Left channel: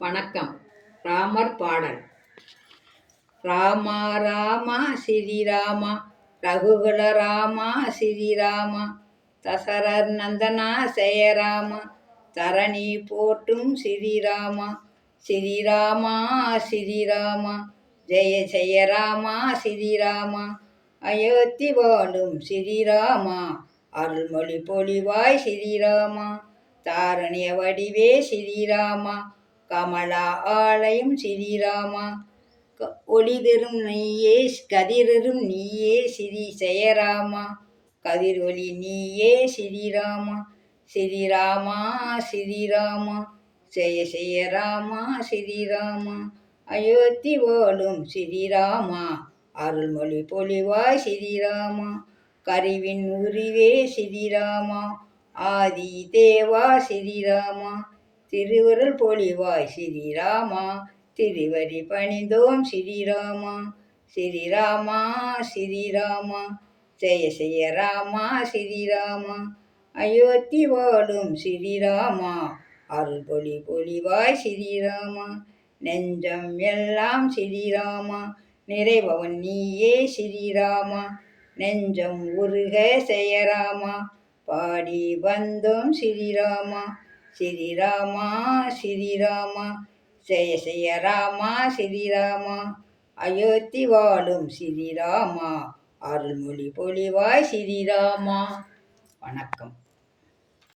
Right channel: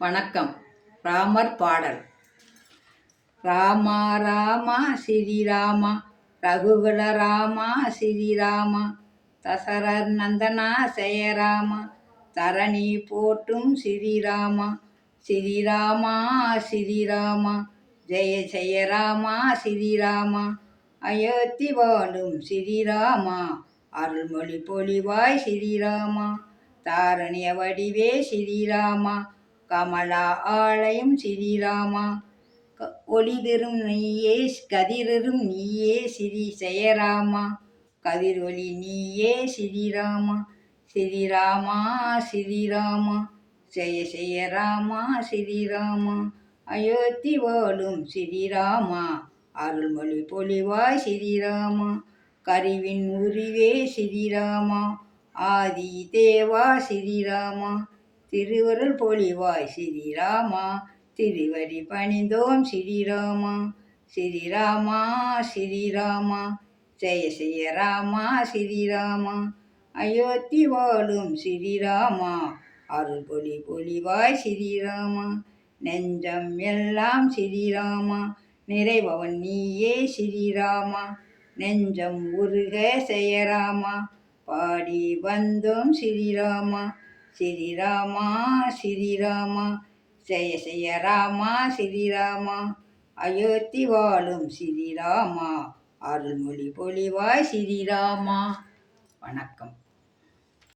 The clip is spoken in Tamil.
வணக்கம். ராமர் பாடல். ராமா ராமா ஸ்ரீராமா ரகுகுல ராமா ஸ்ரீராமா தசரர் நந்தனா ஜெயராமா தரணி போற்றும் ஸ்ரீராமா ஸ்ரீராமா ஸ்ரீராமா ஜெய ஜெய ராமா ஸ்ரீராமா அயோத்தி வாழும் ஸ்ரீராமா அருள்மொழி பொழிவாய் ஸ்ரீராமா தாரணிய வடிவே ஸ்ரீராமா கமலா ஆலயம் ஸ்ரீராமா ஒளிதரும் நீயே கதிரரும் நீயே ஸ்ரீ ஜெயராமா கதிர் ஒளி நீயே ஸ்ரீராமா ஸ்ரீராமா ஸ்ரீராமா ஜெய ஜெய ராமா ஸ்ரீராமா அயோத்தி வாழும் ஸ்ரீராமா அருள்மொழி பொழிவாய் ஸ்ரீராமா கருவின் உருவே ஸ்ரீராமா ஆதி தேவா ஸ்ரீராமா திருவருள் பொழிவாய் ஸ்ரீராமா திருவடி பணிந்தோம் ஸ்ரீராமா ஸ்ரீராமா ஸ்ரீராமா ஜெய ஜெய ராமா ஸ்ரீராமா அயோத்தி வாழும் ஸ்ரீராமா அருள்பொழி பொழிவாய் ஸ்ரீராமா நெஞ்சம் எல்லாம் ஸ்ரீராமா நிறைபவன் நீயே ஸ்ரீராமா நெஞ்சம் உருக ஜெயராமா பாடி வந்தோம் ஸ்ரீராமா ஸ்ரீராமா ஸ்ரீராமா ஜெய ஜெய ராமா ஸ்ரீராமா அயோத்தி வாழும் ஸ்ரீராமா அருள்மொழி பொழிவாய் ஸ்ரீராமா. வணக்கம்.